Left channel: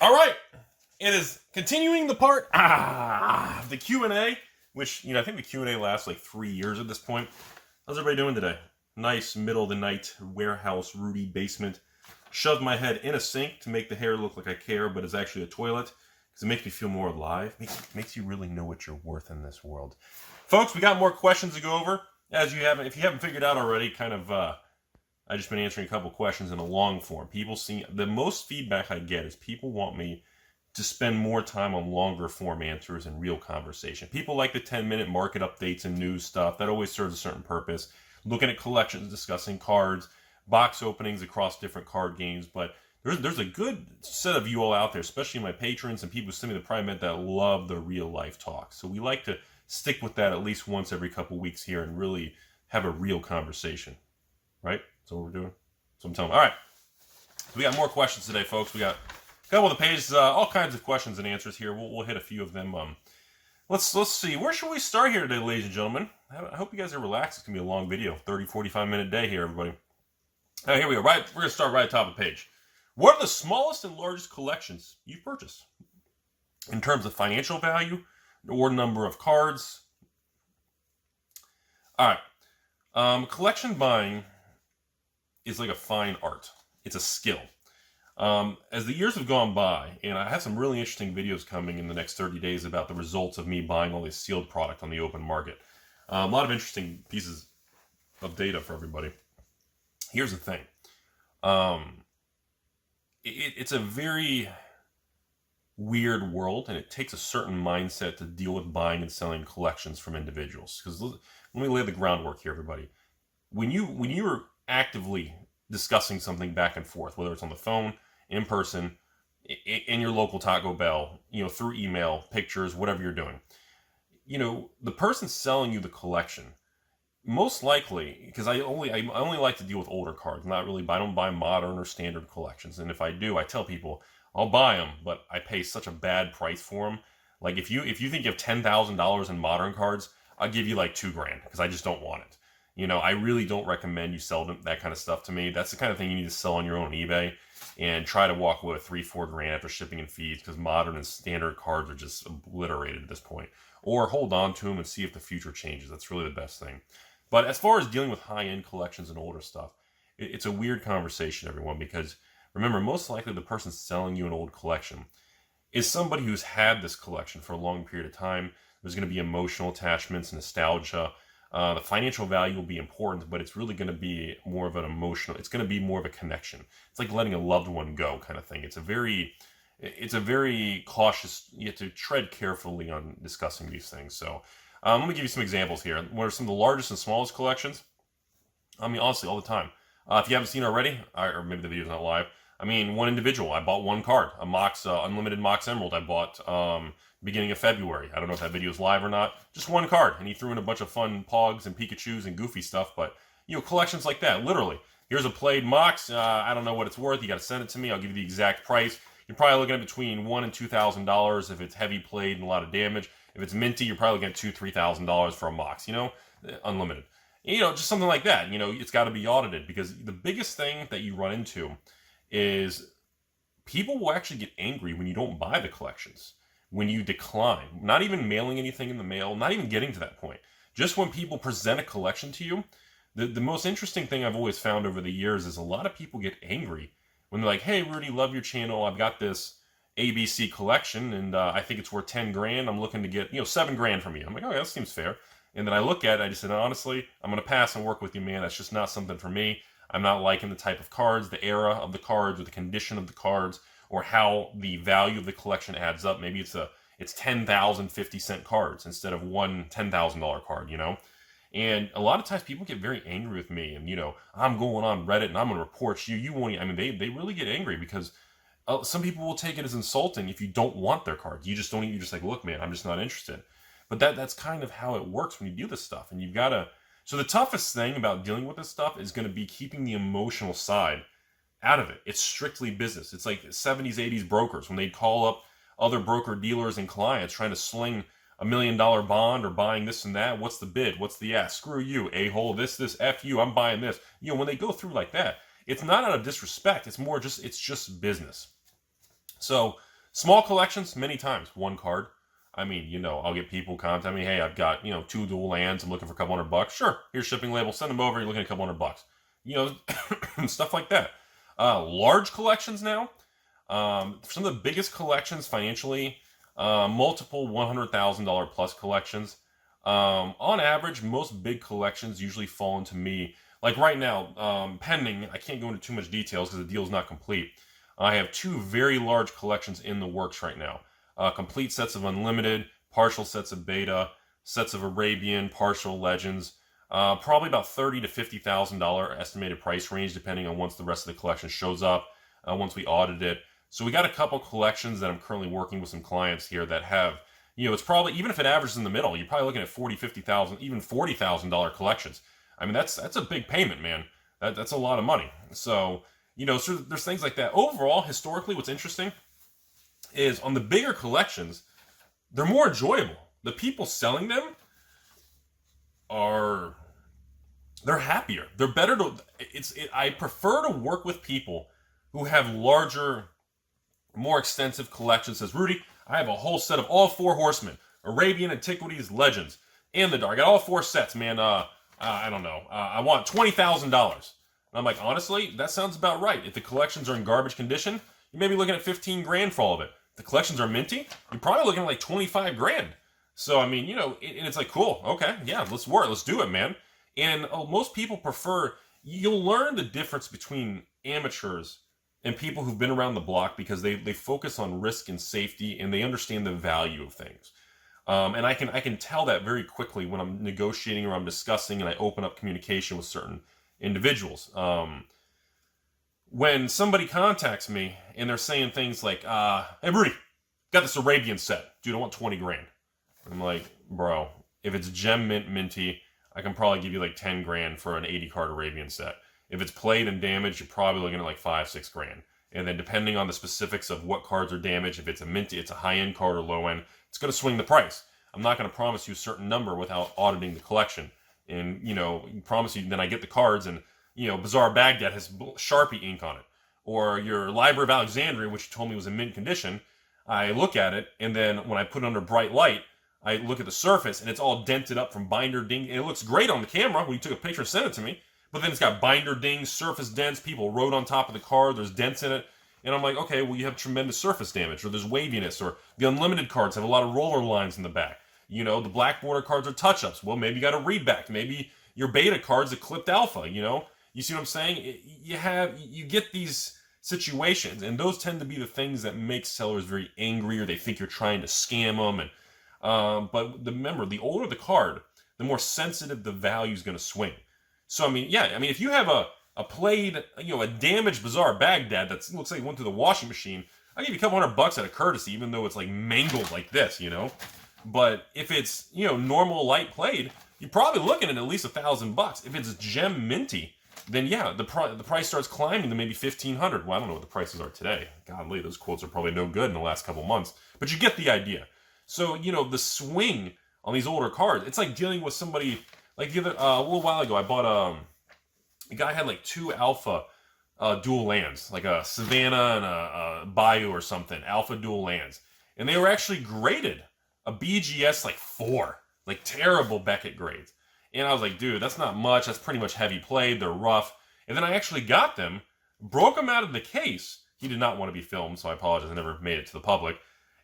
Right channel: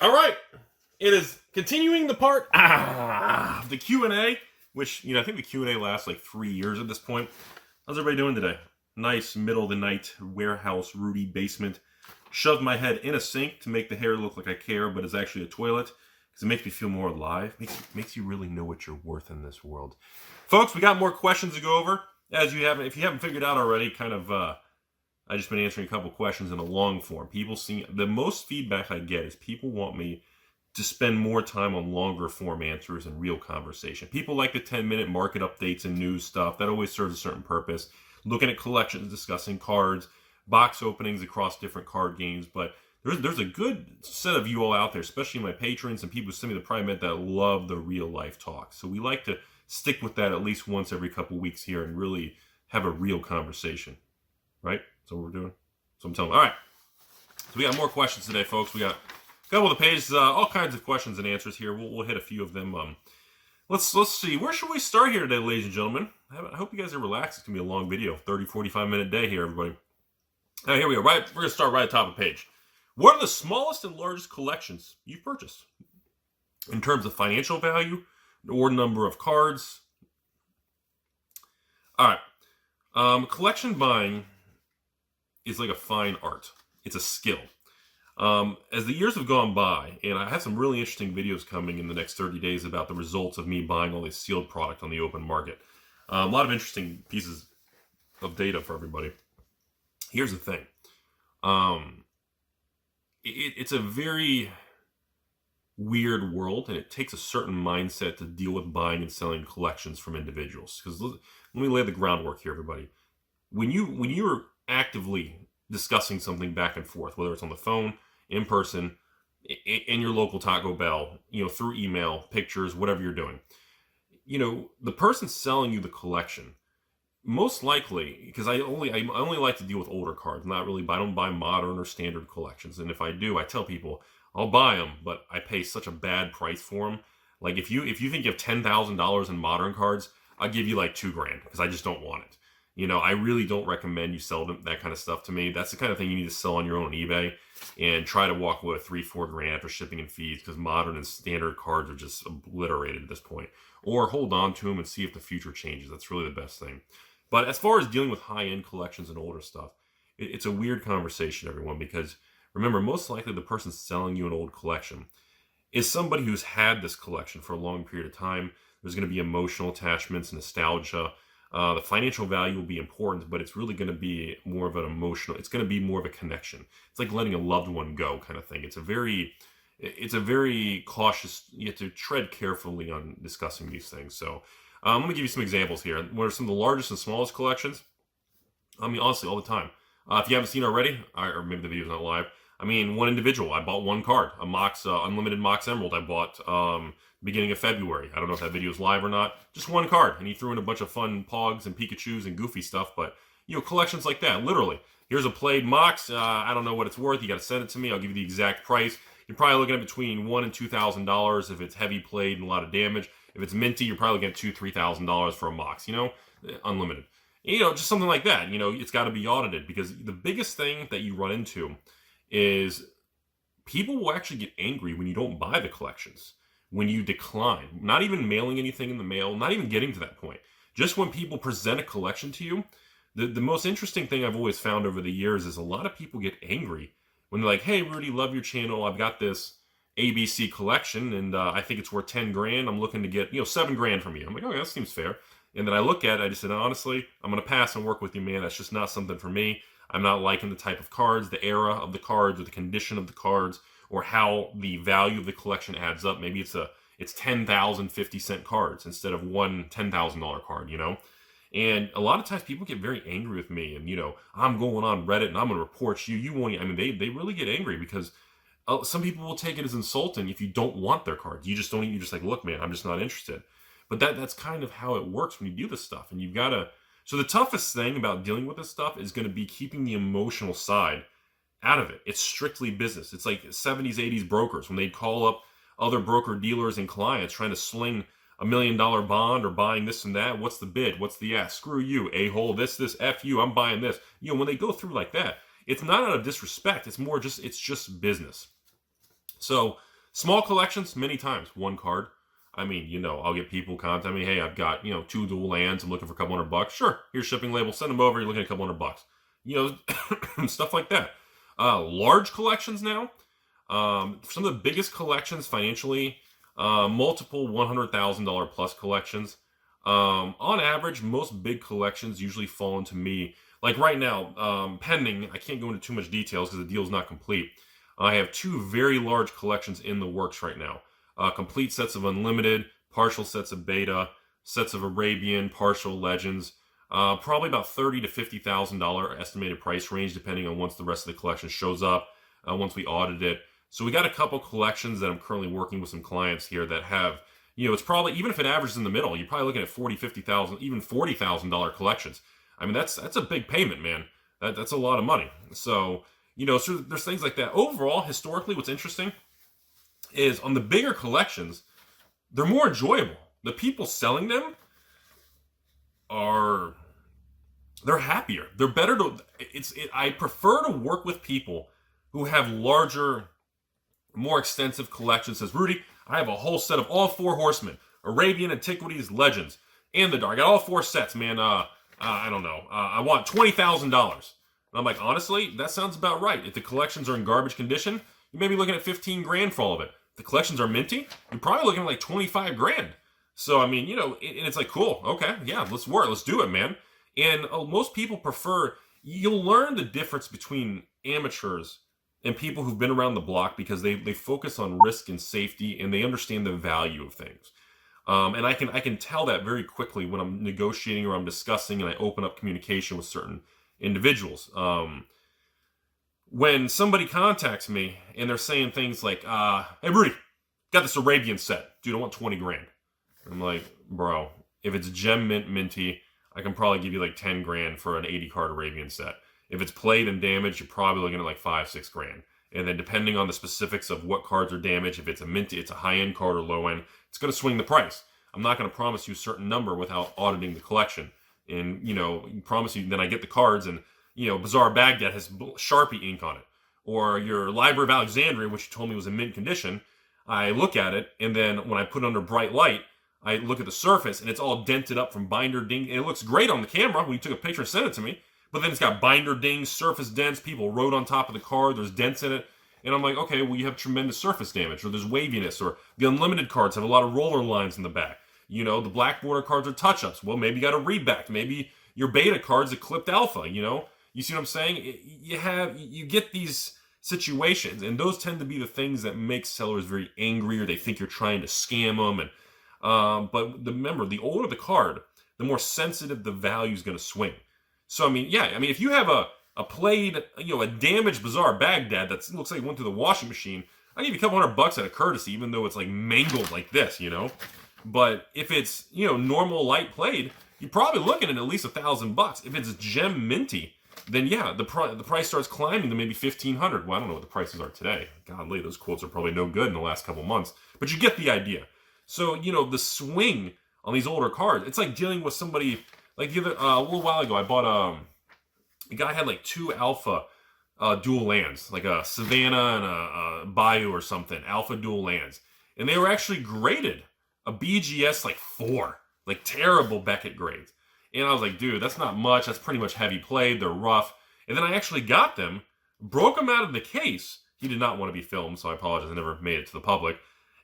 All right, it is continuing the part the Q&A, which I think the Q&A lasts like 3 years at this point. How's everybody doing today? Nice middle of the night warehouse Rudy basement. Shoved my head in a sink to make the hair look like I care, but it's actually a toilet because it makes me feel more alive. Makes you really know what you're worth in this world. Folks, we got more questions to go over. If you haven't figured out already, I just been answering a couple questions in a long form. The most feedback I get is people want me to spend more time on longer form answers and real conversation. People like the 10-minute market updates and news stuff. That always serves a certain purpose. Looking at collections, discussing cards, box openings across different card games. But there's a good set of you all out there, especially my patrons and people who send me the private that love the real life talk. So we like to stick with that at least once every couple weeks here and really have a real conversation. Right? That's what we're doing. So I'm telling you. All right. So we got more questions today, folks. We got a couple of the pages, all kinds of questions and answers here. We'll hit a few of them. Let's see. Where should we start here today, ladies and gentlemen? I hope you guys are relaxed. It's going to be a long video. 30, 45-minute day here, everybody. Now, here we go. We're going to start right at the top of the page. What are the smallest and largest collections you've purchased? In terms of financial value or number of cards? All right. Collection buying is like a fine art. It's a skill. As the years have gone by, and I have some really interesting videos coming in the next 30 days about the results of me buying all this sealed product on the open market. A lot of interesting pieces of data for everybody. Here's the thing. It's a very weird world, and it takes a certain mindset to deal with buying and selling collections from individuals. Because let me lay the groundwork here, everybody. When you're actively discussing something back and forth, whether it's on the phone, in person, in your local Taco Bell, through email, pictures, whatever you're doing, the person selling you the collection, most likely, because I only like to deal with older cards. I don't buy modern or standard collections. And if I do, I tell people I'll buy them, but I pay such a bad price for them. Like if you think you have $10,000 in modern cards, I'll give you like $2,000 because I just don't want it. I really don't recommend you sell that kind of stuff to me. That's the kind of thing you need to sell on your own on eBay and try to walk away with $3-4 after shipping and fees, because modern and standard cards are just obliterated at this point. Or hold on to them and see if the future changes. That's really the best thing. But as far as dealing with high-end collections and older stuff, it's a weird conversation, everyone, because remember, most likely the person selling you an old collection is somebody who's had this collection for a long period of time. There's going to be emotional attachments, nostalgia. The financial value will be important, but it's really going to be more of an it's going to be more of a connection. It's like letting a loved one go kind of thing. It's a very cautious, you have to tread carefully on discussing these things. So let me give you some examples here. What are some of the largest and smallest collections? Honestly, all the time. If you haven't seen already, or maybe the video's not live, one individual, I bought one card, a Mox, Unlimited Mox Emerald I bought beginning of February. I don't know if that video is live or not. Just one card, and he threw in a bunch of fun Pogs and Pikachus and goofy stuff, but, collections like that, literally. Here's a played Mox, I don't know what it's worth, you gotta send it to me, I'll give you the exact price. You're probably looking at between $1,000 and $2,000 if it's heavy played and a lot of damage. If it's minty, you're probably looking at $2,000-$3,000 for a Mox, unlimited. Just something like that, it's gotta be audited, because the biggest thing that you run into is people will actually get angry when you don't buy the collections. When you decline, not even mailing anything in the mail, not even getting to that point. Just when people present a collection to you, the most interesting thing I've always found over the years is a lot of people get angry when they're like, hey, Rudy, love your channel. I've got this ABC collection and I think it's worth $10,000. I'm looking to get, $7,000 from you. I'm like, oh, that seems fair. And then I look at it, I just said, honestly, I'm going to pass and work with you, man. That's just not something for me. I'm not liking the type of cards, the era of the cards, or the condition of the cards, or how the value of the collection adds up. Maybe it's 10,000 50-cent cards instead of one $10,000 card, And a lot of times people get very angry with me, and I'm going on Reddit and I'm gonna report you. They really get angry because some people will take it as insulting if you don't want their cards. You're just like, look, man, I'm just not interested. But that's kind of how it works when you do this stuff, and you've got to. So the toughest thing about dealing with this stuff is going to be keeping the emotional side out of it. It's strictly business. It's like 70s, 80s brokers when they'd call up other broker dealers and clients trying to sling $1 million bond or buying this and that. What's the bid? What's the ask? Screw you, a-hole, this, F you, I'm buying this. When they go through like that, it's not out of disrespect. It's just business. So Small collections, many times, one card. I mean, you know, I'll get people contact me, hey, I've got, you know, 2 dual lands, I'm looking for a couple $100. Sure, here's shipping label, send them over, you're looking at a couple $100. You know, stuff like that. Large collections now. Some of the biggest collections financially, multiple $100,000 plus collections. On average, most big collections usually fall into me. Like right now, pending, I can't go into too much details because the deal's not complete. I have 2 very large collections in the works right now. Complete sets of Unlimited, partial sets of Beta, sets of Arabian, partial Legends. Probably about $30,000 to $50,000 estimated price range, depending on once the rest of the collection shows up, once we audit it. So we got a couple collections that I'm currently working with some clients here that have, you know, it's probably, even if it averages in the middle, you're probably looking at $40,000, $50,000, even $40,000 collections. I mean, that's a big payment, man. That's a lot of money. So, you know, so there's things like that. Overall, historically, what's interesting is on the bigger collections, they're more enjoyable. The people selling them they're happier. They're better I prefer to work with people who have larger, more extensive collections. Says, Rudy, I have a whole set of all 4 horsemen, Arabian, Antiquities, Legends, and the Dark. I got all 4 sets, man. I don't know. I want $20,000. I'm like, honestly, that sounds about right. If the collections are in garbage condition, you may be looking at 15 grand for all of it. If the collections are minty, you're probably looking at like 25 grand. So, I mean, you know, and it's like, cool, okay, yeah, let's work, let's do it, man. And most people prefer, you'll learn the difference between amateurs and people who've been around the block because they focus on risk and safety and they understand the value of things. And I can tell that very quickly when I'm negotiating or I'm discussing and I open up communication with certain individuals. When somebody contacts me and they're saying things like, hey, Rudy, got this Arabian set. Dude, I want 20 grand. I'm like, bro, if it's gem mint minty, I can probably give you like 10 grand for an 80 card Arabian set. If it's played and damaged, you're probably looking at like 5-6 grand. And then depending on the specifics of what cards are damaged, if it's a minty, it's a high-end card or low-end, it's going to swing the price. I'm not going to promise you a certain number without auditing the collection. And, you know, promise you, then I get the cards and, you know, Bazaar Baghdad has Sharpie ink on it. Or your Library of Alexandria, which you told me was in mint condition, I look at it, and then when I put it under bright light, I look at the surface, and it's all dented up from binder ding, and it looks great on the camera when you took a picture and sent it to me, but then it's got binder dings, surface dents, people wrote on top of the card, there's dents in it, and I'm like, okay, well, you have tremendous surface damage, or there's waviness, or the Unlimited cards have a lot of roller lines in the back. You know, the black border cards are touch-ups. Well, maybe you got a reback. Maybe your beta cards are clipped alpha, you know? You see what I'm saying? You get these situations, and those tend to be the things that make sellers very angry, or they think you're trying to scam them, and but remember, the older the card, the more sensitive the value is going to swing. So, I mean, yeah, I mean, if you have a played, you know, a damaged Bazaar Baghdad that looks like it went through the washing machine, I'll give you a couple $100 out of courtesy, even though it's like mangled like this, you know? But if it's, you know, normal light played, you're probably looking at least $1,000. If it's gem minty, then yeah, the price starts climbing to maybe $1,500. Well, I don't know what the prices are today. Godly, those quotes are probably no good in the last couple months. But you get the idea. So, you know, the swing on these older cards, it's like dealing with somebody, like the other, a little while ago, I bought, a guy had like 2 alpha dual lands, like a Savannah and a Bayou or something, alpha dual lands. And they were actually graded a BGS like 4, like terrible Beckett grades. And I was like, dude, that's not much. That's pretty much heavy played. They're rough. And then I actually got them, broke them out of the case. He did not want to be filmed, so I apologize. I never made it to the public.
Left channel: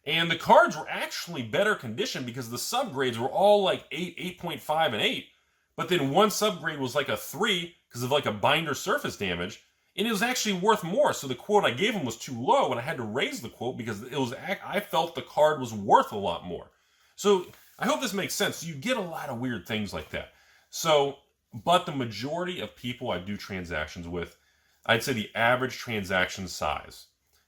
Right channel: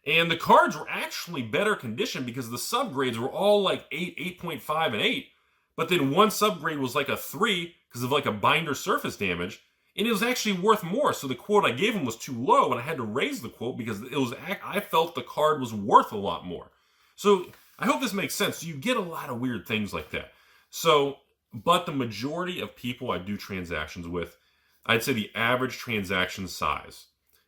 And the cards were actually better condition because the subgrades were all like 8, 8.5, and 8. But then one subgrade was like a 3 because of like a binder surface damage. And it was actually worth more. So the quote I gave him was too low, and I had to raise the quote because I felt the card was worth a lot more. So I hope this makes sense. You get a lot of weird things like that. So, but the majority of people I do transactions with, I'd say the average transaction size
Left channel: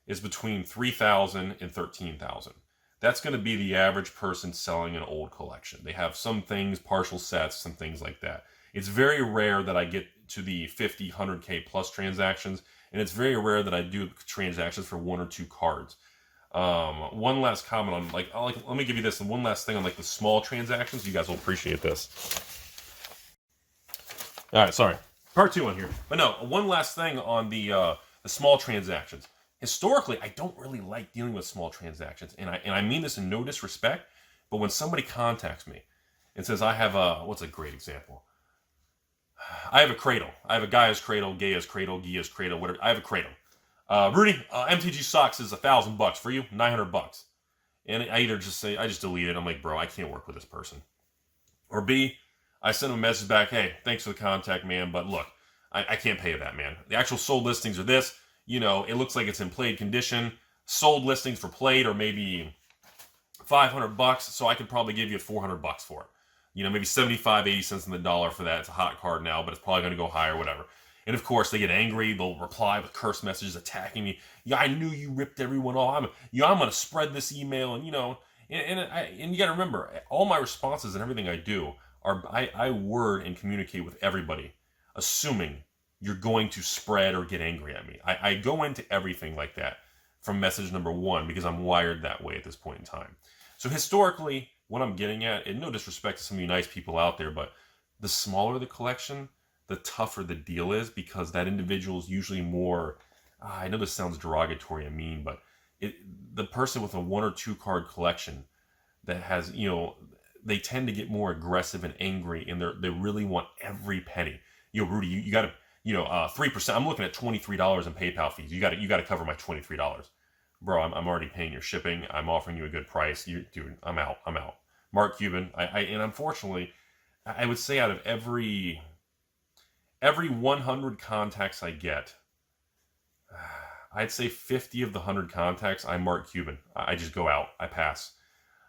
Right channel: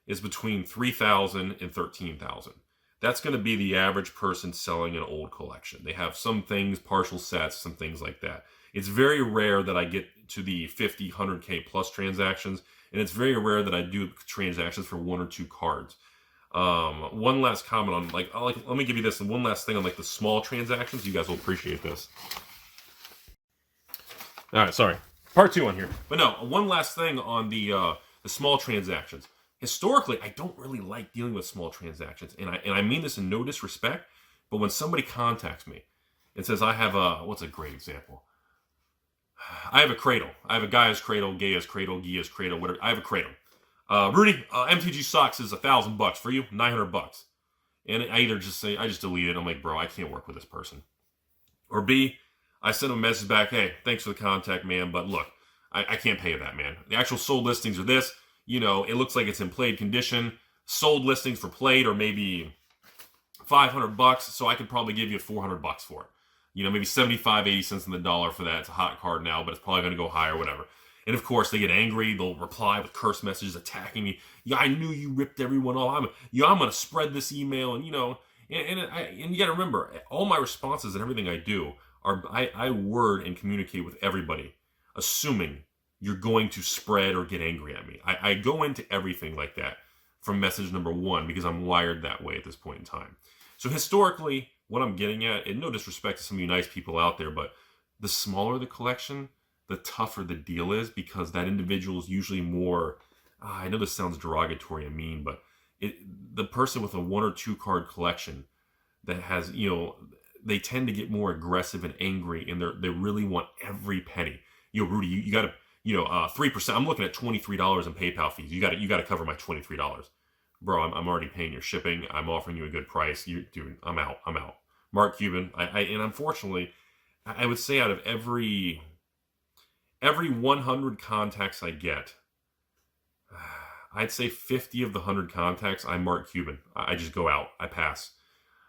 is between $3,000 and $13,000. That's going to be the average person selling an old collection. They have some things, partial sets, some things like that. It's very rare that I get to the 50, 100K plus transactions, and it's very rare that I do transactions for 1 or 2 cards. One last comment on, let me give you this, and one last thing on like the small transactions. You guys will appreciate this. All right, sorry. Part 2 on here. But no, one last thing on the small transactions. historically, I don't really like dealing with small transactions. And I mean this in no disrespect, but when somebody contacts me and says, I have what's a great example? I have a cradle. I have a Gaia's cradle, Gaia's cradle, Gia's cradle, whatever. I have a cradle. Rudy, MTG socks is $1,000 for you, $900. And I either just say, I just delete it. I'm like, bro, I can't work with this person. Or B, I send them a message back, hey, thanks for the contact, man, but look, I can't pay you that, man. The actual sold listings are this. You know, it looks like it's in played condition. Sold listings for played are maybe $500, so I could probably give you $400 for it. You know, maybe 75, 80 cents on the dollar for that. It's a hot card now, but it's probably going to go higher, whatever. And of course, they get angry. They'll reply with curse messages attacking me. Yeah, I knew you ripped everyone off. I'm going to spread this email, and you know, and you got to remember, all my responses and everything I do are I word and communicate with everybody, assuming you're going to spread or get angry at me. I go into everything like that from message number one because I'm wired that way at this point in time. So historically, what I'm getting at, and no disrespect to some of you nice people out there, but the smaller the collection, the tougher the deal is because that individual is usually more, I know this sounds derogatory and mean, but the person with a 1 or 2 card collection that has, you know, they tend to get more aggressive and angry, and they really want every penny. You know, Rudy, you got to, 3%. I'm looking at $23 in PayPal fees. You got to cover my $23. Bro, I'm already paying your shipping. I'm offering you a good price. Dude, I'm out. Mark Cuban. And unfortunately, I would say out of every 100 contacts I get, I'd say 50 of the 100 contacts, I'm Mark Cuban. I just go out. I pass.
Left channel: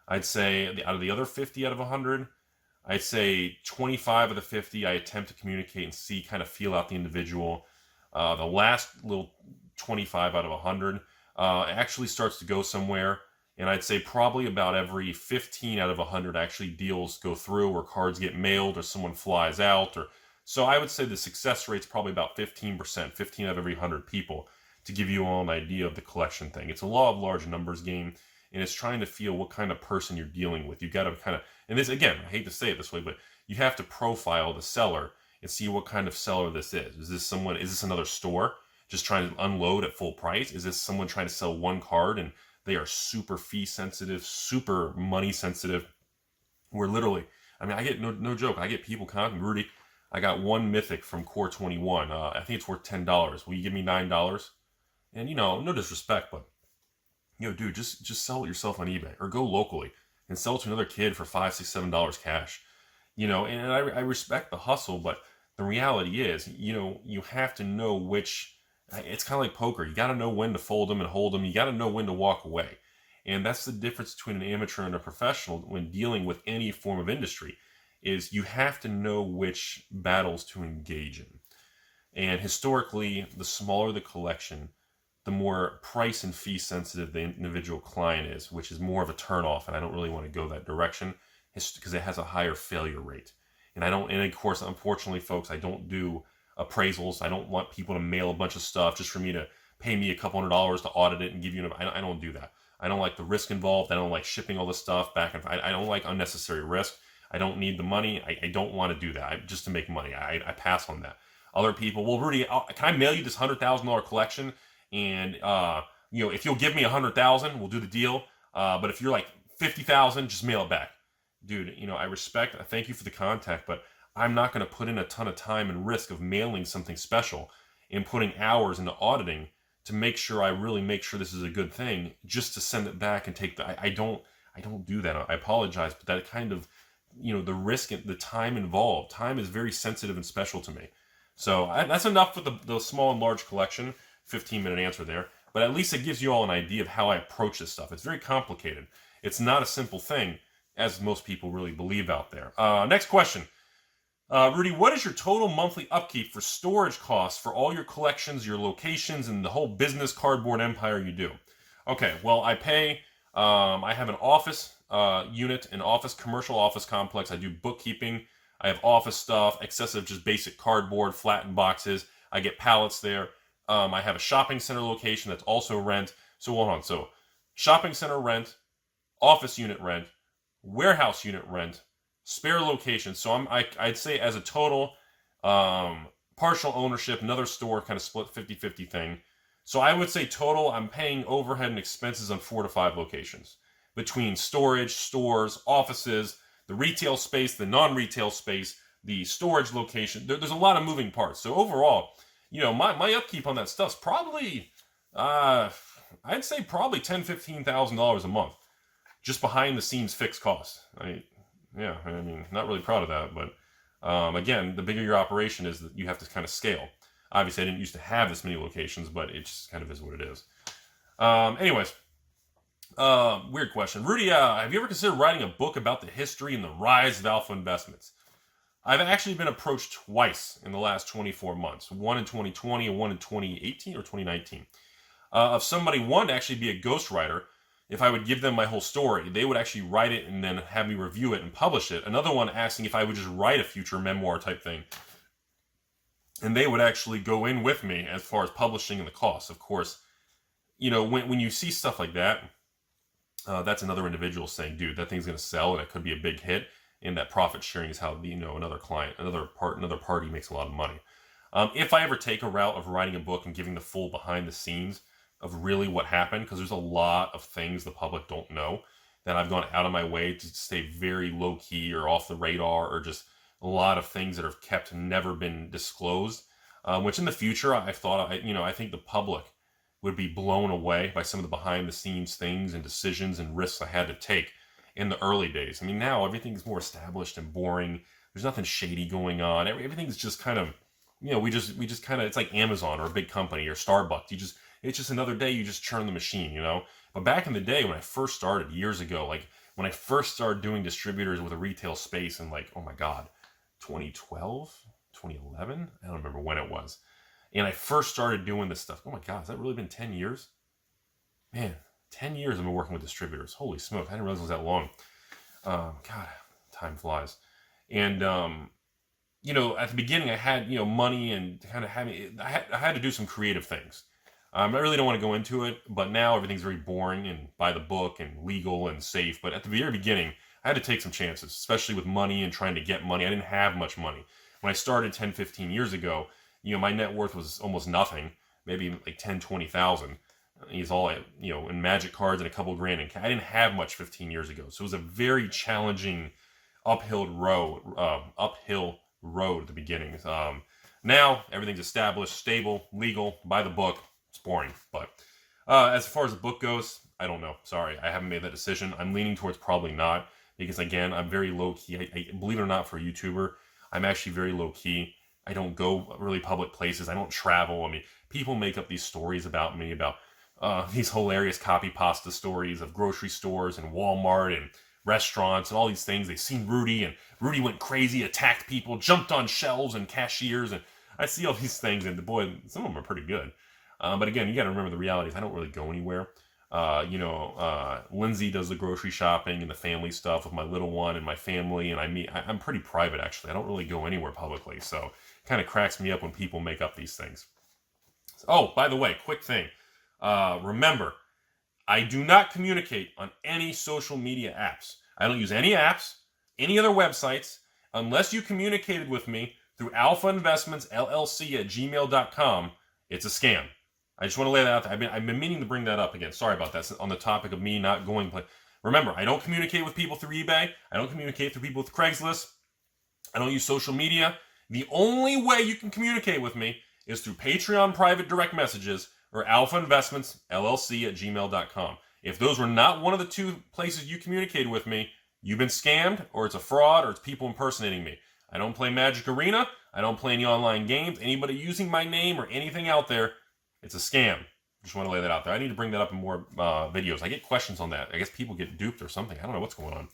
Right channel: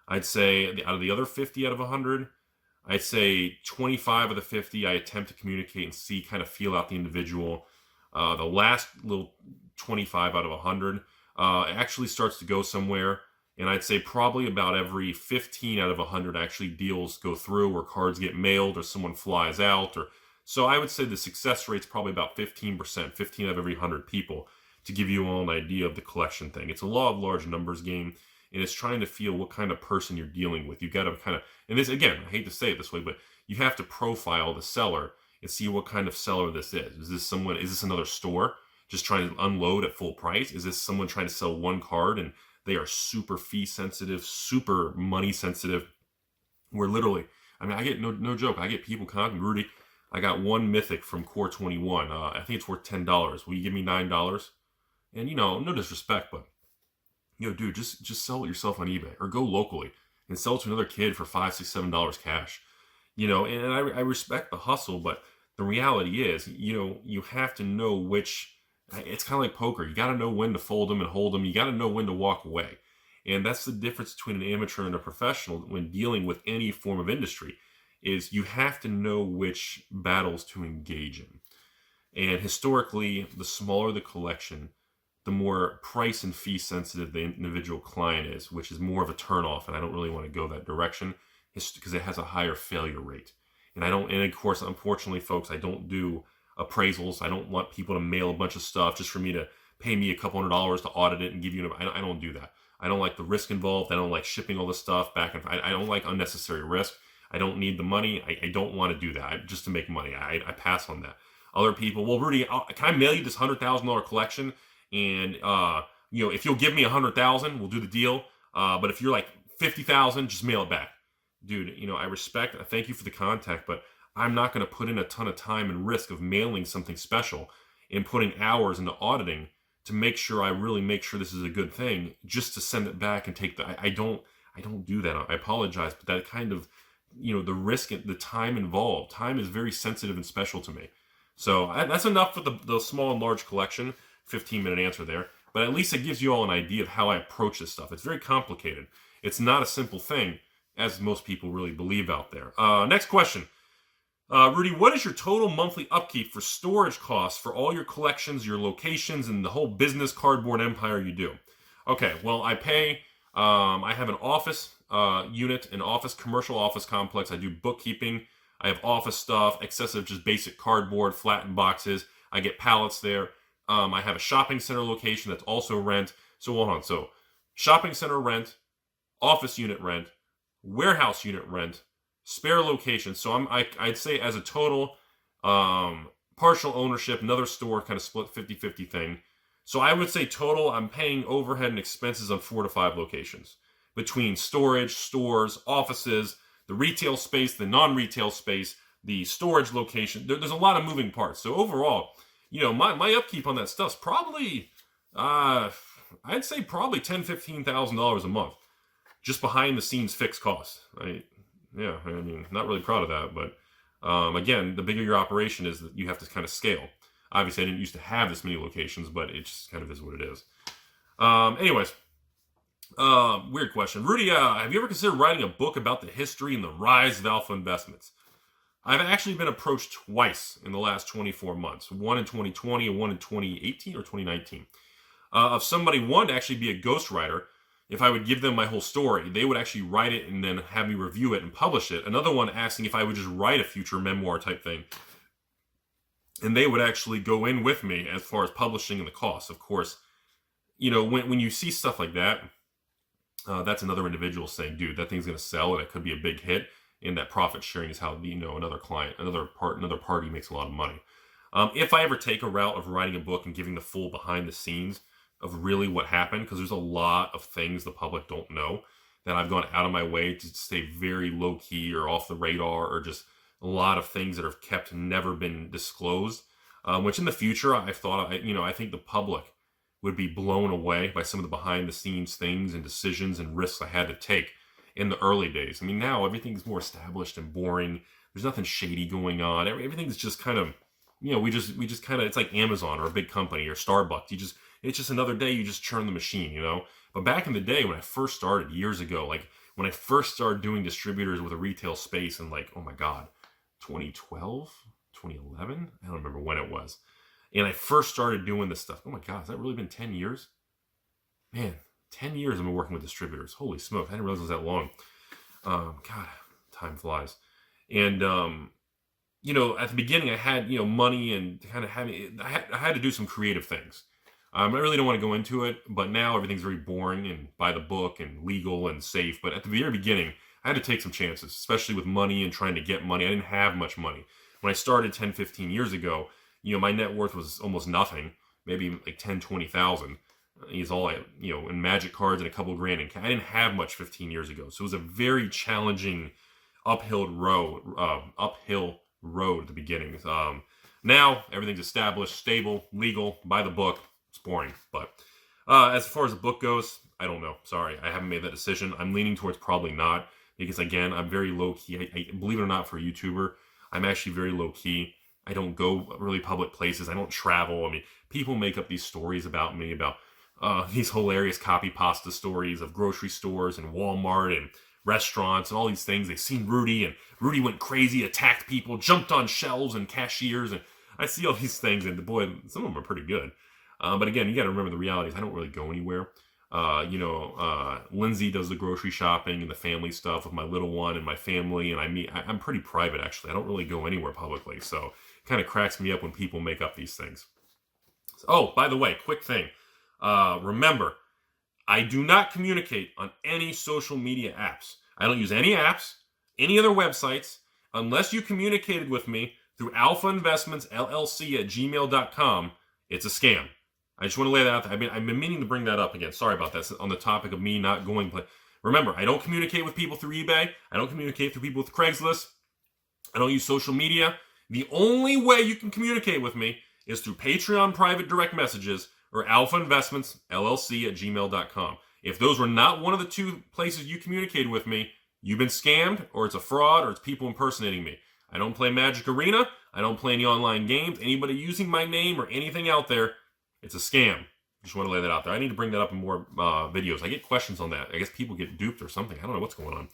I'd say out of the other 50 out of 100, I'd say 25 of the 50 I attempt to communicate and see, kind of feel out the individual. The last little 25 out of 100 actually starts to go somewhere. And I'd say probably about every 15 out of 100 actually deals go through, or cards get mailed, or someone flies out. So I would say the success rate's probably about 15%, 15 out of every 100 people, to give you all an idea of the collection thing. It's a law of large numbers game, and it's trying to feel what kind of person you're dealing with. You've got to kind of, and this, again, I hate to say it this way, but you have to profile the seller and see what kind of seller this is. Is this another store just trying to unload at full price? Is this someone trying to sell one card and they are super fee sensitive, super money sensitive? Where literally, I mean, I get no joke. I get people contacting Rudy. I got one mythic from Core 21. I think it's worth $10. Will you give me $9? And no disrespect, but dude, just sell it yourself on eBay or go locally and sell it to another kid for $5, $6, $7 cash. And I respect the hustle, but the reality is, you have to know which. It's kind of like poker. You got to know when to fold them and hold them. You got to know when to walk away. And that's the difference between an amateur and a professional when dealing with any form of industry, is you have to know which battles to engage in. And historically, the smaller the collection, the more price and fee sensitive the individual client is, which is more of a turnoff. And I don't really want to go that direction because it has a higher failure rate. And of course, unfortunately, folks, I don't do appraisals. I don't want people to mail a bunch of stuff just for me to pay me a couple $100s to audit it and give you I don't do that. I don't like the risk involved. I don't like shipping all this stuff back and forth. I don't like unnecessary risk. I don't need the money. I don't want to do that just to make money. I pass on that. Other people, well, Rudy, can I mail you this $100,000 collection? And if you'll give me $100,000, we'll do the deal. But if you're like $50,000, just mail it back, dude. I respect. I thank you for the contact, but I'm not going to put in a ton of time and risk of mailing something special and putting hours into auditing to make sure this is a good thing, just to send it back and take I don't do that. I apologize, but that kind of, the risk, the time involved. Time is very sensitive and special to me. So that's enough for the small and large collection. 15-minute answer there. But at least it gives you all an idea of how I approach this stuff. It's very complicated. It's not a simple thing, as most people really believe out there. Next question. Rudy, what is your total monthly upkeep for storage costs for all your collections, your locations, and the whole business cardboard empire you do? Okay, well, I pay, I have an office unit, an commercial office complex. I do bookkeeping. I have office stuff, excessive just basic cardboard, flattened boxes. I get pallets there. I have a shopping center location that's also rent. So hold on. So shopping center rent, office unit rent, warehouse unit rent, spare location. So I'd say as a total, partial ownership, another store kind of split 50-50 thing. So I would say total, I'm paying overhead and expenses on 4 to 5 locations. Between storage, stores, offices, the retail space, the non-retail space, the storage location. There's a lot of moving parts. So overall, you know, my upkeep on that stuff's probably, I'd say probably $10,000-$15,000 a month. Just behind the scenes fixed costs. I mean, not really proud of that, but again, the bigger your operation is, that you have to kind of scale. Obviously, I didn't used to have this many locations, but it just kind of is what it is. Anyways, weird question. Rudy, have you ever considered writing a book about the history and the rise of alpha investments? I've actually been approached twice in the last 24 months. One in 2020 and one in 2018 or 2019. Of somebody wanted to actually be a ghostwriter. If I would give them my whole story, they would actually write it and then have me review it and publish it. Another one asking if I would just write a future memoir type thing. And they would actually go in with me as far as publishing and the cost. Of course, you know, when you see stuff like that, that's another individual saying, dude, that thing's going to sell and it could be a big hit. And that profit sharing is how, you know, another party makes a lot of money. If I ever take a route of writing a book and giving the full behind the scenes of really what happened, because there's a lot of things the public don't know, that I've gone out of my way to stay very low-key or off the radar, or just a lot of things that are kept, never been disclosed, which in the future I think the public would be blown away by some of the behind-the-scenes things and decisions and risks I had to take in the early days. I mean, now everything's more established and boring. There's nothing shady going on. Everything's just kind of, you know, we just kind of, it's like Amazon or a big company or Starbucks. It's just another day, you just churn the machine, you know? But back in the day when I first started years ago, like when I first started doing distributors with a retail space in, like, oh my God, 2012, 2011? I don't remember when it was. And I first started doing this stuff. Oh my God, has that really been 10 years? Man, 10 years I've been working with distributors. Holy smoke, I didn't realize it was that long. God, time flies. And, you know, at the beginning I had, you know, money and kind of I had to do some creative things. I really don't want to go into it, but now everything's very boring and by the book and legal and safe. But at the very beginning, I had to take some chances, especially with money and trying to get money. I didn't have much money. When I started 10, 15 years ago, you know, my net worth was almost nothing, maybe like 10, 20,000. It's all, you know, in magic cards and a couple grand. And I didn't have much 15 years ago. So it was a very challenging uphill road at the beginning. Now everything's established, stable, legal, by the book. It's boring. But as far as the book goes, I don't know. Sorry, I haven't made that decision. I'm leaning towards probably not, because again, I'm very low key. I believe it or not, for a YouTuber, I'm actually very low key. I don't go really public places. I don't travel. I mean, people make up these stories about me, about these hilarious copy pasta stories of grocery stores and Walmart and restaurants and all these things. They've seen Rudy, and Rudy went crazy, attacked people, jumped on shelves and cashiers, and I see all these things, and boy, some of them are pretty good. But again, you got to remember the reality is I don't really go anywhere. Lindsay does the grocery shopping and the family stuff with my little one and my family, and I'm pretty private, actually. I don't really go anywhere publicly, so it kind of cracks me up when people make up these things. Oh, by the way, quick thing. Remember, I do not communicate on any social media apps. I don't use any apps, any other websites, unless you communicated with me through AlphainvestmentsLLC at gmail.com. It's a scam. I just want to lay that out there. I've been meaning to bring that up again. Sorry about that. On the topic of me not going. Remember, I don't communicate with people through eBay. I don't communicate through people with Craigslist. I don't use social media. The only way you can communicate with me is through Patreon private direct messages or AlphainvestmentsLLC at gmail.com. If those were not one of the two places you communicated with me, you've been scammed, or it's a fraud, or it's people impersonating me. I don't play Magic Arena. I don't play any online games. Anybody using my name or anything out there, it's a scam. Just want to lay that out there. I need to bring that up in more videos. I get questions on that. I guess people get duped or something. I don't know what's going on.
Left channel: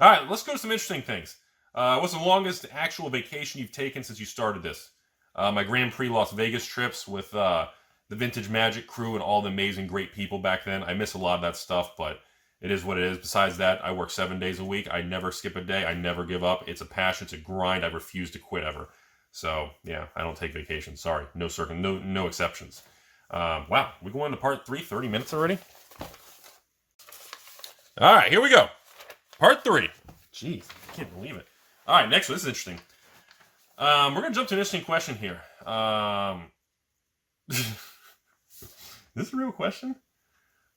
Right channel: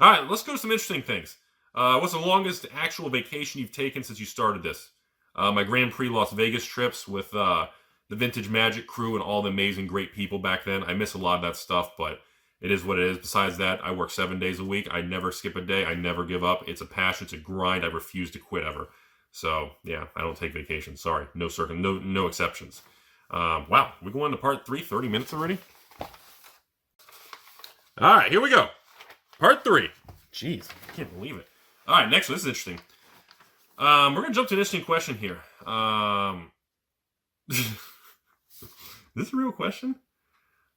All right, let's go to some interesting things. What's the longest actual vacation you've taken since you started this? My Grand Prix Las Vegas trips with the Vintage Magic crew and all the amazing, great people back then. I miss a lot of that stuff, but it is what it is. Besides that, I work 7 days a week. I never skip a day. I never give up. It's a passion. It's a grind. I refuse to quit ever. So, yeah, I don't take vacations. Sorry. No exceptions. Wow, we're going to part 3, 30 minutes already? All right, here we go. Part 3. Jeez, I can't believe it. All right, next one. This is interesting. We're going to jump to an interesting question here. this a real question?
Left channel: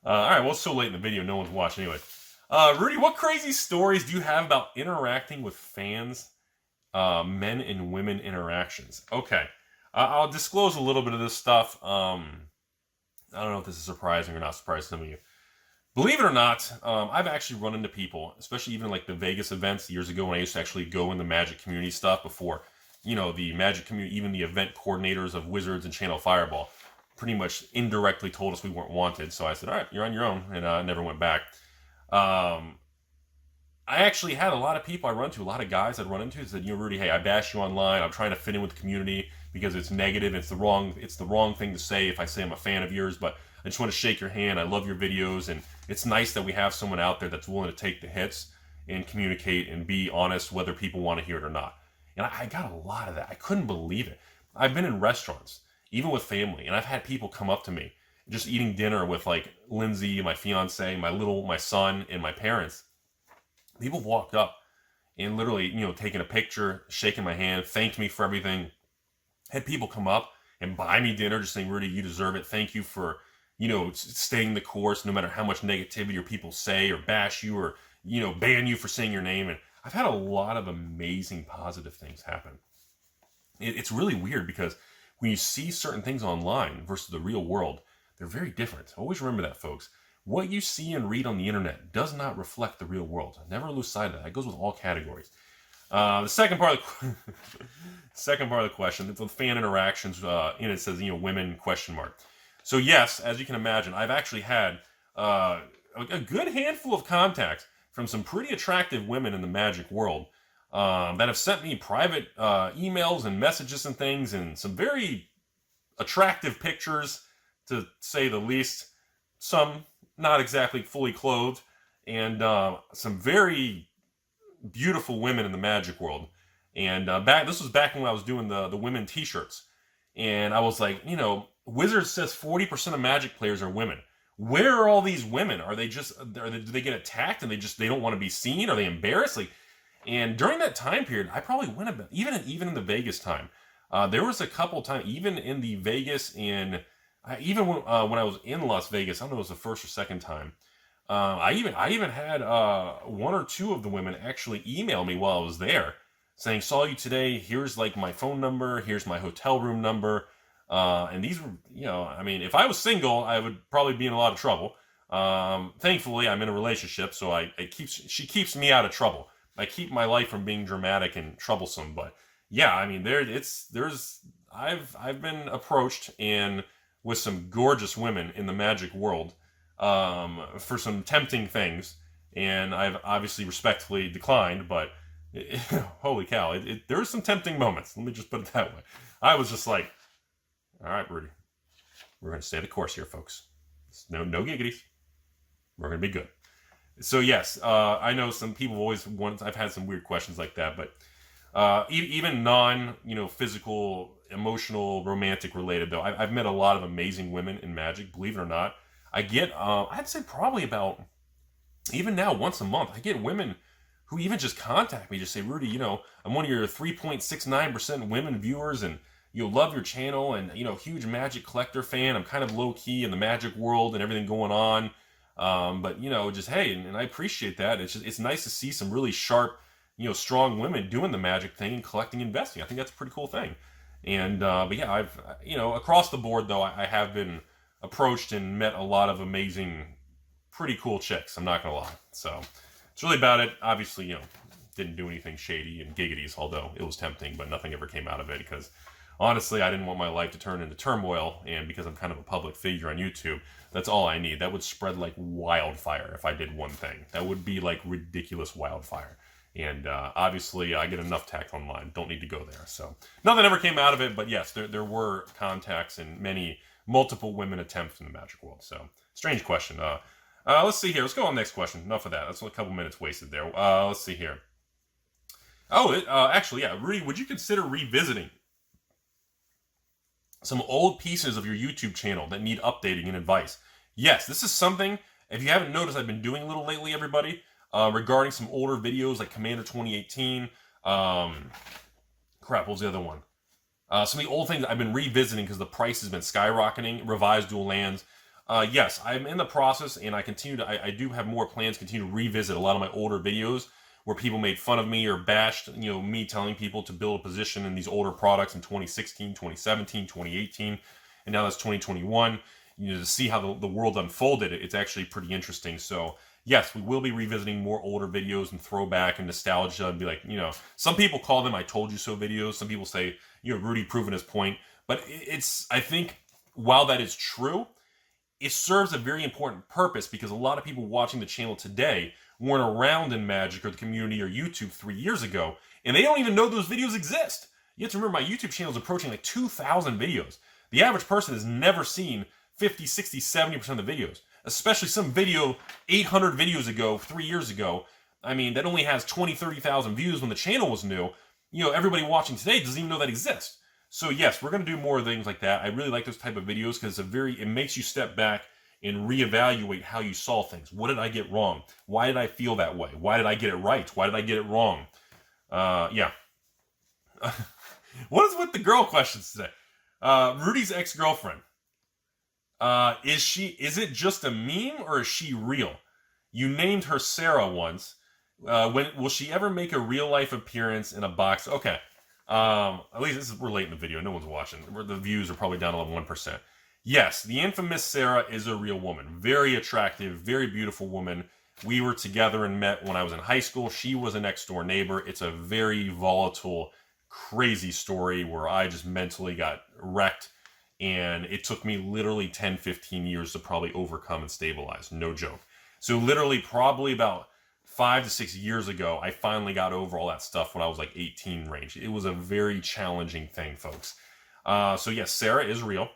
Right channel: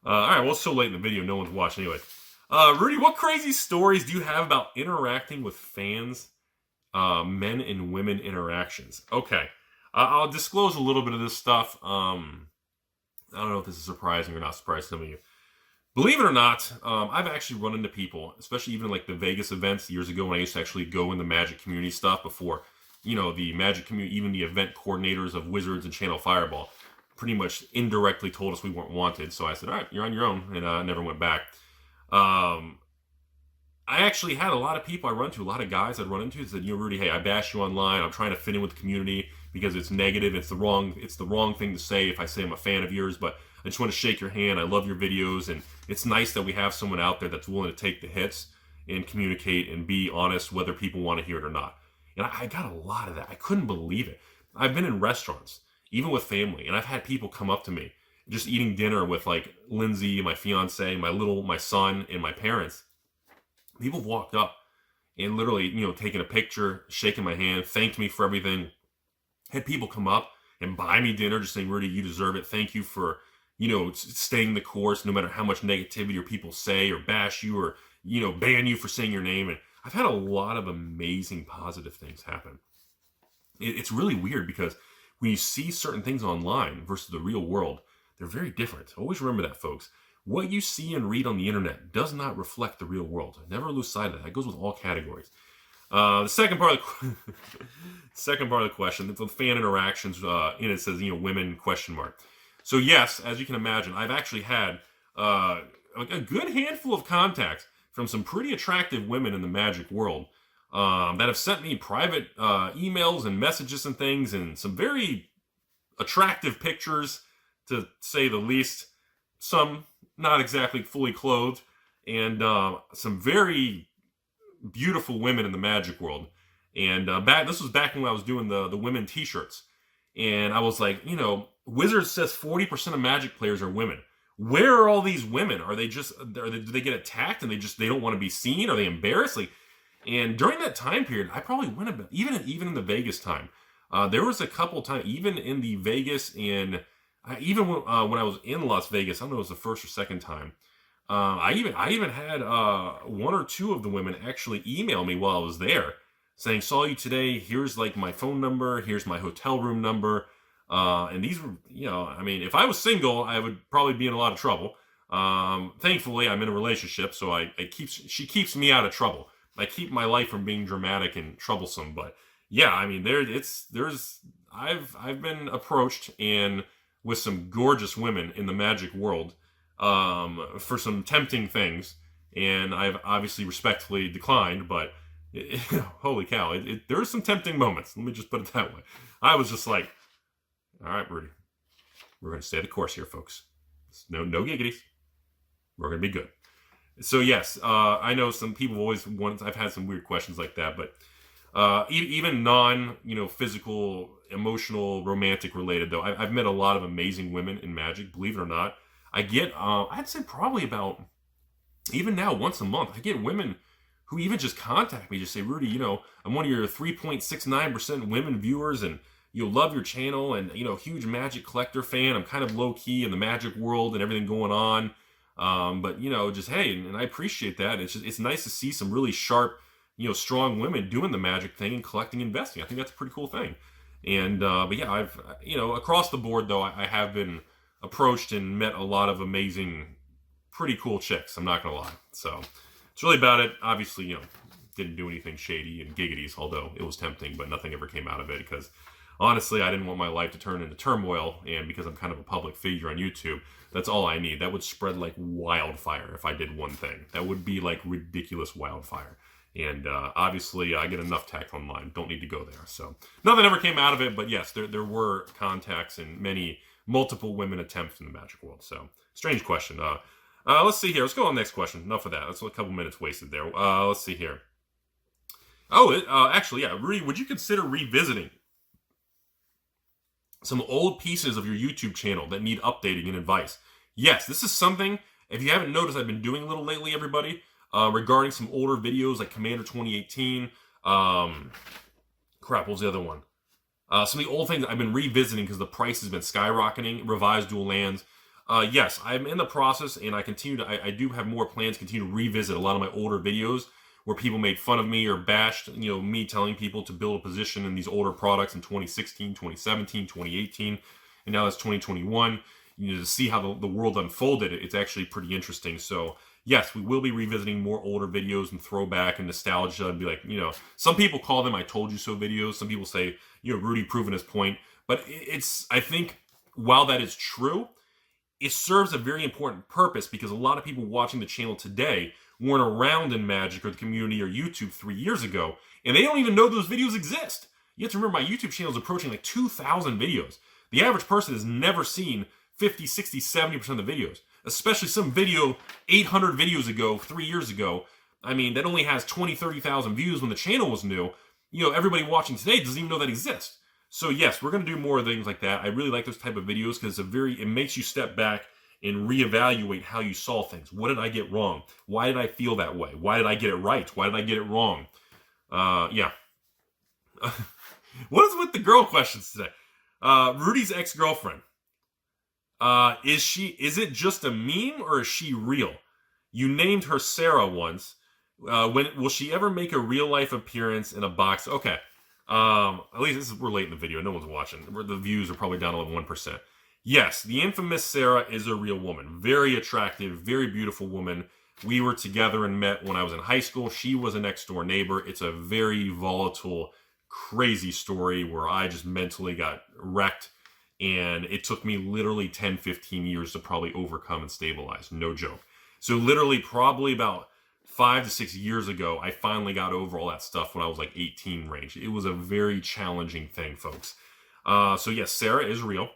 All right, well, it's so late in the video, no one's watching anyway. Rudy, what crazy stories do you have about interacting with fans, men and women interactions? Okay, I'll disclose a little bit of this stuff. I don't know if this is surprising or not surprising to some of you. Believe it or not, I've actually run into people, especially even like the Vegas events years ago when I used to actually go in the Magic community stuff before, you know, the Magic community, even the event coordinators of Wizards and Channel Fireball pretty much indirectly told us we weren't wanted. So I said, all right, you're on your own, and I never went back. I actually had a lot of people I run into, a lot of guys I'd run into who said, you know, Rudy, hey, I bash you online. I'm trying to fit in with the community because it's negative. It's the wrong thing to say if I say I'm a fan of yours, but I just want to shake your hand. I love your videos, and it's nice that we have someone out there that's willing to take the hits and communicate and be honest whether people want to hear it or not. And I got a lot of that. I couldn't believe it. I've been in restaurants, even with family, and I've had people come up to me just eating dinner with like Lindsay, my fiance, my son, and my parents. People walked up and literally, you know, taking a picture, shaking my hand, thanked me for everything. Had people come up and buy me dinner, just saying, Rudy, you deserve it. Thank you for, you know, staying the course, no matter how much negativity or people say or bash you or, you know, ban you for saying your name. And I've had a lot of amazing positive things happen. It's really weird because when you see certain things online versus the real world, they're very different. Always remember that, folks. What you see and read on the internet does not reflect the real world. Never lose sight of that. That goes with all categories. The second part of the question, it's the fan interactions. And it says, you know, women ? So yes, as you can imagine, I've actually had a good handful of contacts from some pretty attractive women in the Magic world that have sent me private emails and messages and things, and some very attractive pictures, to say the least. Some not exactly fully clothed, and some very beautiful women in the Magic world. And this was back when I was doing the women t-shirts, and I was like, you know, Wizards says 40% of Magic players are women. Where are all these women? Are they just, do they get attacked and they don't want to be seen? Are they embarrassed? Like, and during that time period, I probably went about, even in the Vegas time, there was a couple times, even in the Vegas and even when I was in Las Vegas, I don't know if it was the first or second time, I even had one or two of the women actually email me while I was there saying, saw you today, here's like my phone number, here's my hotel room number. And these were, you know, I mean, if I was single, I would probably be in a lot of trouble. Thankfully, I'm in a relationship, so she keeps me out of trouble. I keep my life from being dramatic and troublesome. But yeah, I mean, I've been approached and with some gorgeous women in the Magic world for some tempting things, and I've obviously respectfully declined. But holy cow, there's some tempting moments. Let me just put it that way. I was just like, all right, Rudy, we're going to stay the course here, folks. No giggities. We're going to be good. So yes, I know some people I've had some weird questions like that, but even non, you know, physical, emotional, romantic related though, I've met a lot of amazing women in Magic. Believe it or not, I get, I'd say probably about, even now, once a month, I get women who even just contact me, just say, Rudy, you know, I'm one of your 3.69% women viewers, and you love your channel, and, you know, huge Magic collector fan. I'm kind of low key in the Magic world and everything going on. But, you know, just, hey, and I appreciate that. It's nice to see some really sharp, you know, strong women doing the Magic thing and collecting, investing. I think that's a pretty cool thing. And, but yeah, I've, you know, across the board though, I have been approached and met a lot of amazing, pretty cool chicks. I'm not going to lie. So it's really about it. Obviously, you know, didn't do anything shady and giggities, although it was tempting, but nothing ever came out of it because honestly, I didn't want my life to turn into turmoil, and because I'm kind of a public figure on YouTube, that's all I need. That would spread like wildfire if I did one thing. That would be like ridiculous wildfire. And obviously, I get enough tact online. Don't need to go there. So nothing ever came out of it, but yes, there were contacts and multiple women attempts in the Magic world. So strange question. Let's see here. Let's go on to the next question. Enough of that. That's a couple minutes wasted there. Let's see here. Oh, actually, yeah. Rudy, would you consider revisiting some old pieces of your YouTube channel that need updating and advice? Yes, this is something, if you haven't noticed, I've been doing a little lately, everybody, regarding some older videos like Commander 2018. What was the other one? Some of the old things I've been revisiting because the price has been skyrocketing. Revised Dual Lands. Yes, I'm in the process, and I do have more plans, continue to revisit a lot of my older videos where people made fun of me or bashed, me telling people to build a position in these older products in 2016, 2017, 2018, and now that's 2021. To see how the world unfolded, it's actually pretty interesting. So yes, we will be revisiting more older videos and throwback and nostalgia and be like, some people call them "I told you so" videos. Some people say, Rudy proving his point. But I think while that is true, it serves a very important purpose because a lot of people watching the channel today weren't around in Magic or the community or YouTube 3 years ago, and they don't even know those videos exist. You have to remember, my YouTube channel is approaching like 2,000 videos. The average person has never seen 50, 60, 70% of the videos, especially some video 800 videos ago, 3 years ago. I mean, that only has 20, 30,000 views when the channel was new. Everybody watching today doesn't even know that exists. So yes, we're going to do more things like that. I really like those type of videos because it makes you step back and reevaluate how you saw things. What did I get wrong? Why did I feel that way? Why did I get it right? Why did I get it wrong? Yeah. What is with the girl questions today? Rudy's ex-girlfriend. Is it just a meme or is she real? You named her Sarah once. Will she ever make a real life appearance in a box? Okay. At least we're late in the video. No one's watching. The views are probably down to 1%. Yes, the infamous Sarah is a real woman. Very attractive, very beautiful woman. We were together and met when I was in high school. She was a next door neighbor. It's a very volatile, crazy story where I just mentally got wrecked. And it took me literally 10, 15 years to probably overcome and stabilize. No joke. So literally probably about 5 to 6 years ago, I finally got over all that stuff when I was like 18 range. It was a very challenging thing, folks. So yes, Sarah is real.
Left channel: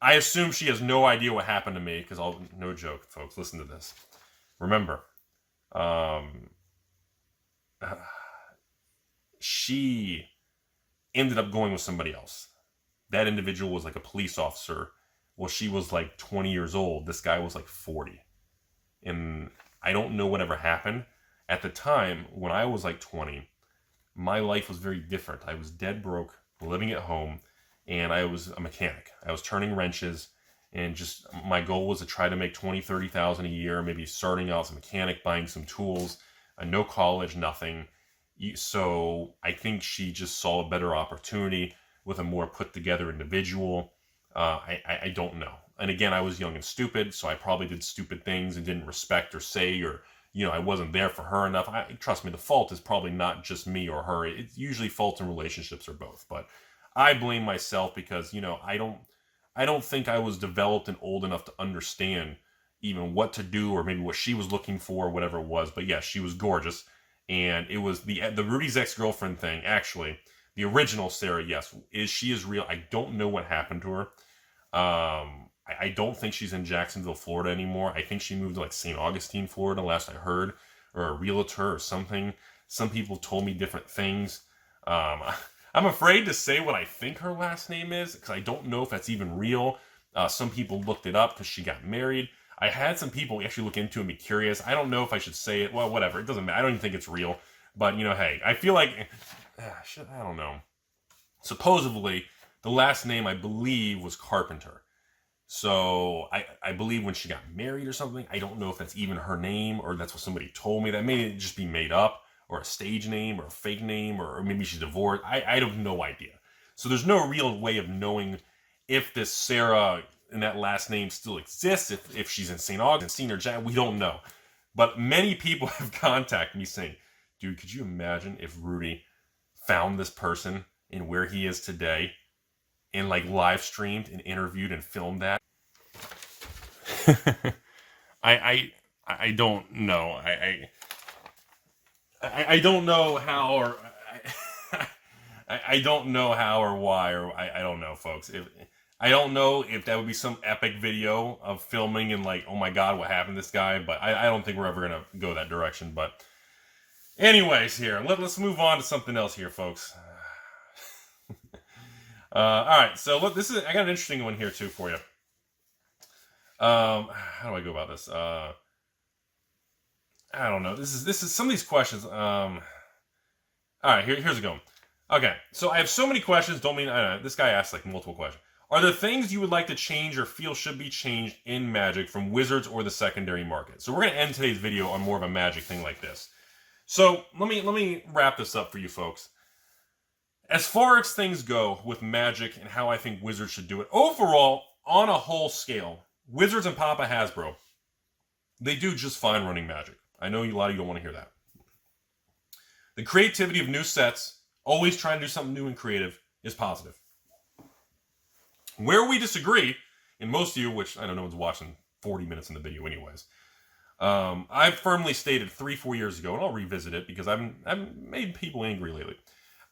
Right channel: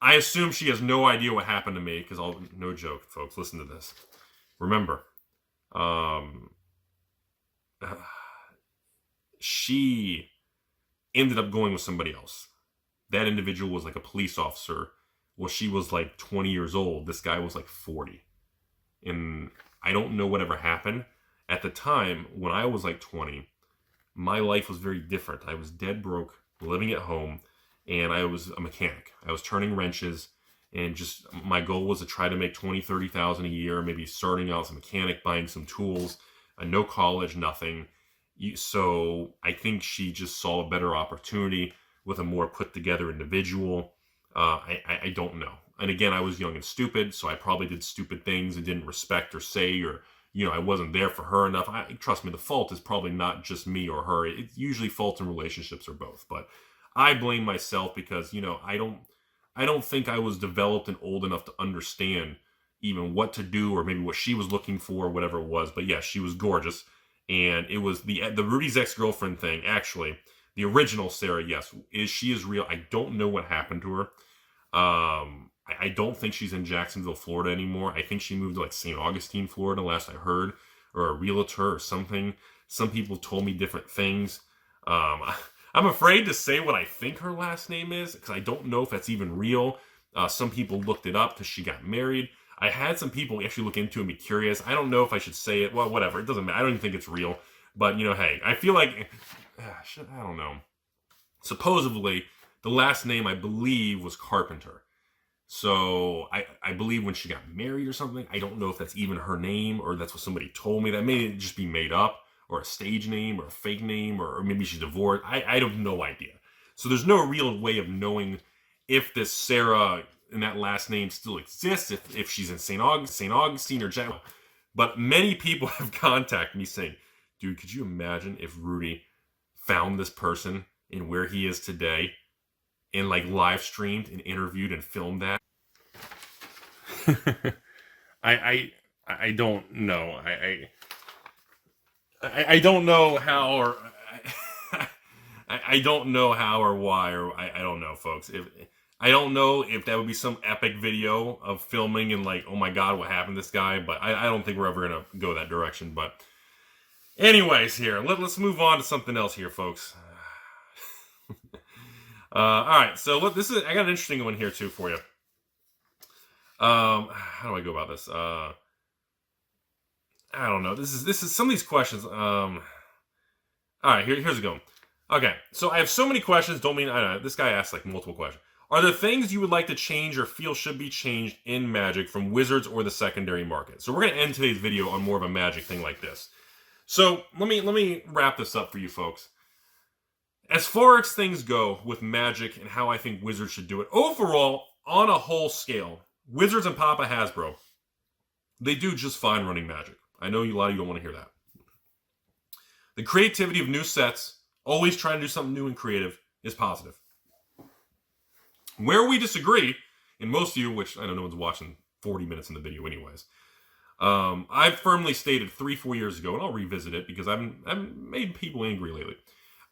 I assume she has no idea what happened to me because no joke, folks. Listen to this. Remember, she ended up going with somebody else. That individual was like a police officer. Well, she was like 20 years old. This guy was like 40. And I don't know whatever happened. At the time, when I was like 20, my life was very different. I was dead broke, living at home, and I was a mechanic. I was turning wrenches, and just my goal was to try to make $20,000, $30,000 a year, maybe starting out as a mechanic, buying some tools, no college, nothing. So I think she just saw a better opportunity with a more put-together individual. I don't know. And again, I was young and stupid, so I probably did stupid things and didn't respect or say, or, I wasn't there for her enough. Trust me, the fault is probably not just me or her. It's usually faults in relationships or both. But I blame myself because, I don't think I was developed and old enough to understand even what to do or maybe what she was looking for or whatever it was. But yeah, she was gorgeous. And it was the Rudy's ex-girlfriend thing, actually. The original Sarah, yes, she is real. I don't know what happened to her. I don't think she's in Jacksonville, Florida anymore. I think she moved to like St. Augustine, Florida, last I heard, or a realtor or something. Some people told me different things. I'm afraid to say what I think her last name is because I don't know if that's even real. Some people looked it up because she got married. I had some people actually look into it and be curious. I don't know if I should say it. Well, whatever. It doesn't matter. I don't even think it's real. But, hey, I feel like... I don't know. Supposedly, the last name, I believe, was Carpenter. So, I believe when she got married or something, I don't know if that's even her name or that's what somebody told me. That may just be made up or a stage name or a fake name or maybe she's divorced. I have no idea. So, there's no real way of knowing if this Sarah and that last name still exists, if she's in St. Augustine or we don't know. But many people have contacted me saying, dude, could you imagine if Rudy found this person and where he is today and like live streamed and interviewed and filmed that? I don't know. I don't know how or I don't know how or why or I don't know, folks. I don't know if that would be some epic video of filming and like, oh my God, what happened to this guy? But I don't think we're ever gonna go that direction. But anyways, here, let's move on to something else here, folks. All right, so look, I got an interesting one here too for you. How do I go about this? I don't know. This is some of these questions. All right, here's a go. Okay, so I have so many questions. Don't mean I don't know. This guy asked like multiple questions. Are there things you would like to change or feel should be changed in Magic from Wizards or the secondary market? So we're going to end today's video on more of a Magic thing like this. So let me wrap this up for you folks. As far as things go with Magic and how I think Wizards should do it, overall, on a whole scale, Wizards and Papa Hasbro, they do just fine running Magic. I know a lot of you don't want to hear that. The creativity of new sets, always trying to do something new and creative, is positive. Where we disagree, and most of you, which I know no one's watching 40 minutes in the video anyways, I firmly stated 3-4 years ago, and I'll revisit it because I've made people angry lately.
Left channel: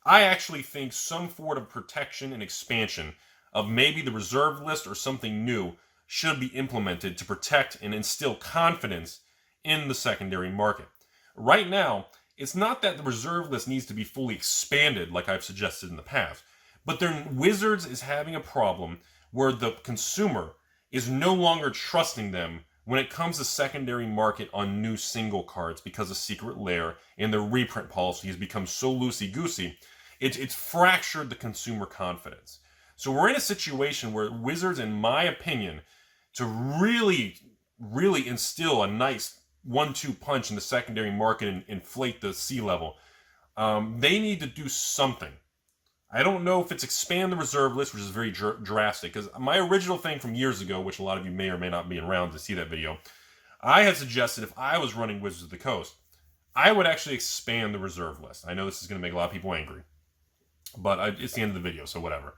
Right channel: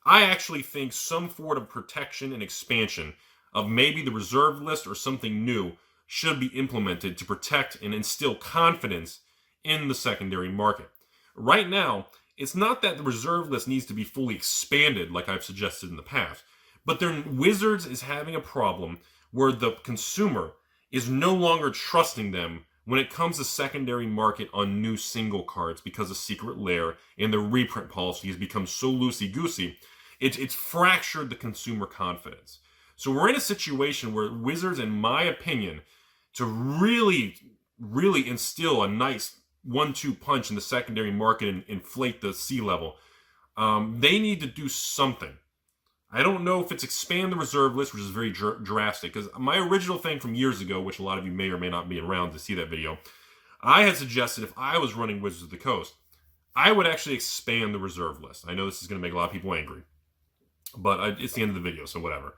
I actually think some form of protection and expansion of maybe the reserve list or something new should be implemented to protect and instill confidence in the secondary market. Right now, it's not that the reserve list needs to be fully expanded like I've suggested in the past, but Wizards is having a problem where the consumer is no longer trusting them when it comes to secondary market on new single cards because of Secret Lair and the reprint policy has become so loosey-goosey. It's fractured the consumer confidence. So we're in a situation where Wizards, in my opinion, to really instill a nice 1-2 punch in the secondary market and inflate the C level, they need to do something. I don't know if it's expand the reserve list, which is very drastic, because my original thing from years ago, which a lot of you may or may not be around to see that video, I had suggested if I was running Wizards of the Coast, I would actually expand the reserve list. I know this is going to make a lot of people angry, but it's the end of the video, so whatever.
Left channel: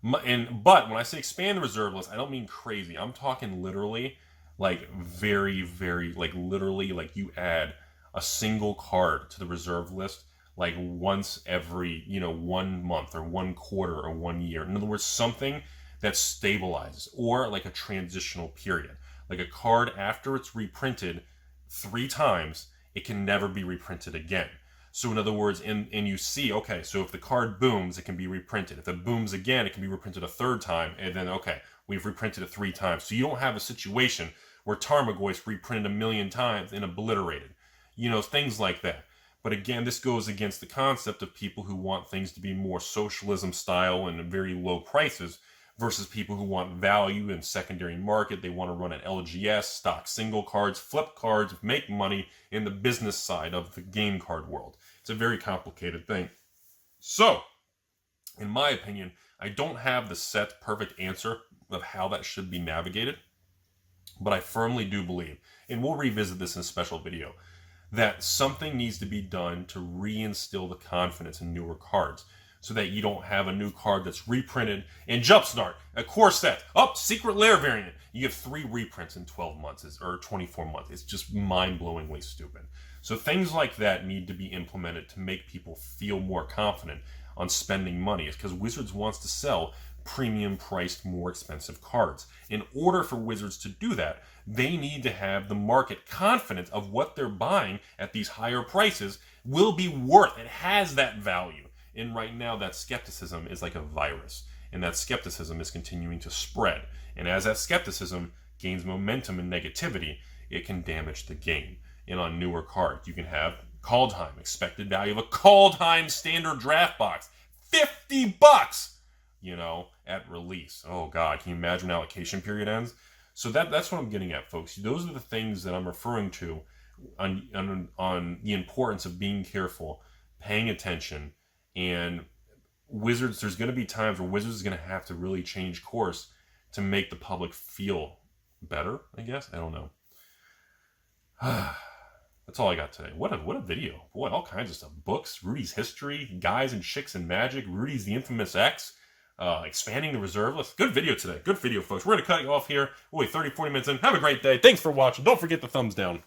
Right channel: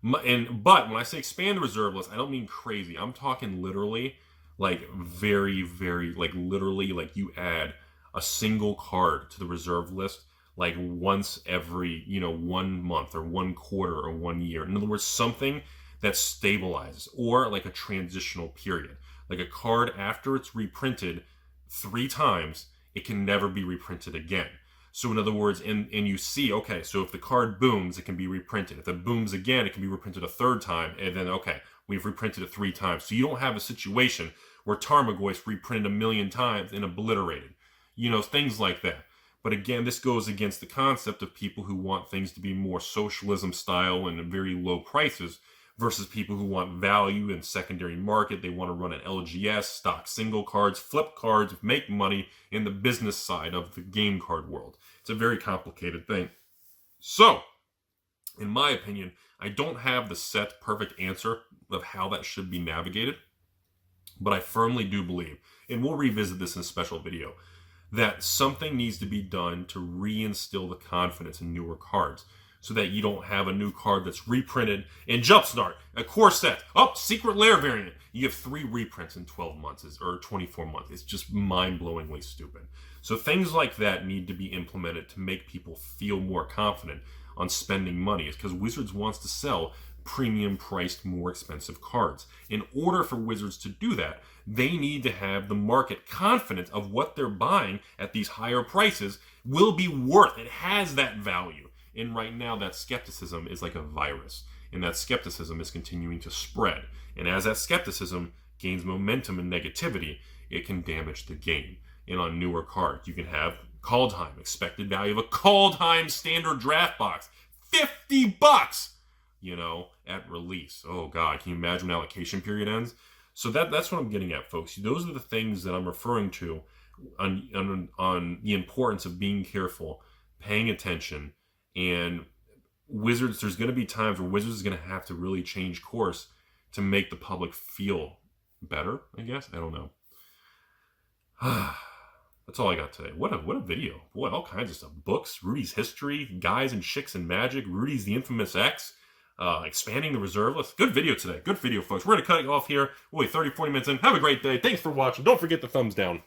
But when I say expand the reserve list, I don't mean crazy. I'm talking literally, like very, like literally, like you add a single card to the reserve list like once every, 1 month or 1 quarter or 1 year. In other words, something that stabilizes, or like a transitional period. Like a card after it's reprinted 3 times, it can never be reprinted again. So in other words, and you see, okay, so if the card booms, it can be reprinted. If it booms again, it can be reprinted a 3rd time, and then, okay, we've reprinted it 3 times. So you don't have a situation where Tarmogoyf's reprinted 1 million times and obliterated. Things like that. But again, this goes against the concept of people who want things to be more socialism style and at very low prices versus people who want value in secondary market. They want to run an LGS, stock single cards, flip cards, make money in the business side of the game card world. It's a very complicated thing. So, in my opinion, I don't have the set perfect answer of how that should be navigated, but I firmly do believe, and we'll revisit this in a special video, that something needs to be done to reinstill the confidence in newer cards so that you don't have a new card that's reprinted in Jumpstart, a core set, Secret Lair variant. You have 3 reprints in 12 months or 24 months. It's just mind-blowingly stupid. So things like that need to be implemented to make people feel more confident on spending money. It's because Wizards wants to sell premium-priced, more expensive cards. In order for Wizards to do that, they need to have the market confident of what they're buying at these higher prices will be worth. It has that value. And right now, that skepticism is like a virus. And that skepticism is continuing to spread. And as that skepticism gains momentum and negativity, it can damage the game. And on newer cards, you can have Kaldheim, expected value of a Kaldheim standard draft box, $50, at release. Oh God, can you imagine when allocation period ends? So that's what I'm getting at, folks. Those are the things that I'm referring to on the importance of being careful, paying attention, and Wizards, there's going to be times where Wizards is going to have to really change course to make the public feel better, I guess. I don't know. That's all I got today. What a video. Boy, all kinds of stuff. Books, Rudy's history, guys and chicks and magic, Rudy's the infamous X, expanding the reserve list. Good video today. Good video, folks. We're going to cut it off here. We'll be 30, 40 minutes in. Have a great day. Thanks for watching. Don't forget the thumbs down.